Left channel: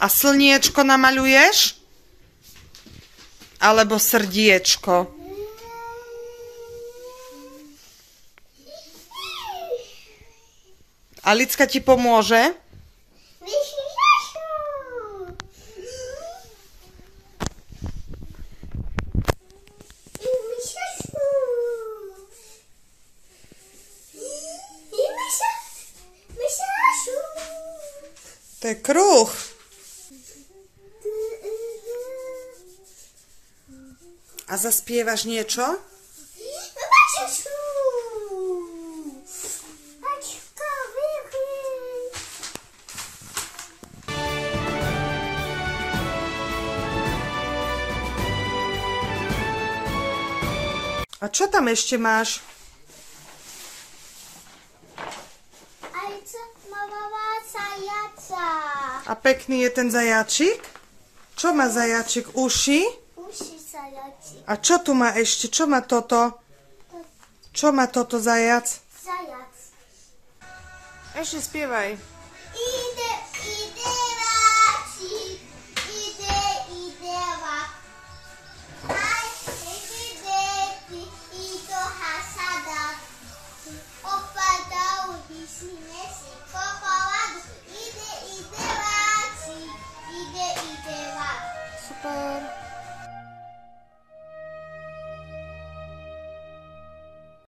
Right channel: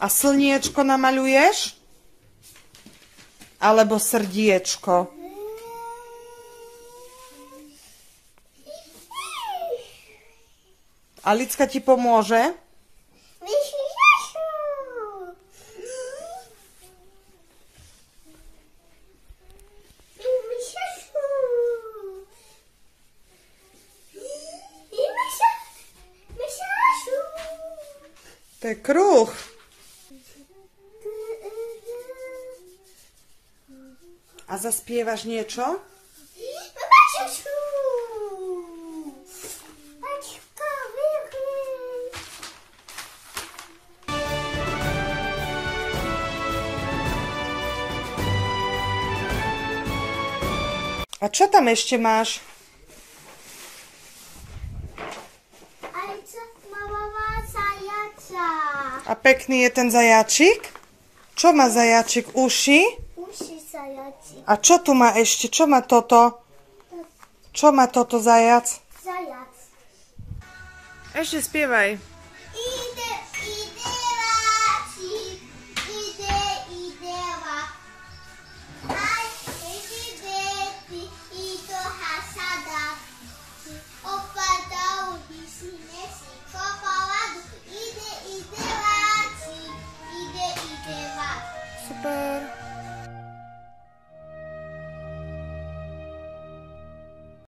A slniečko namaľuješ? Alebo srdiečko? Alicka ti pomôže? To je kruh. A zaspievaš niečo? A čo tam ešte máš? A pekný je ten zajačik? Čo má zajačik? Uši? Uši zajačik. A čo tu má ešte? Čo má toto? Čo má toto zajac? Zajac. Ešte spievaj.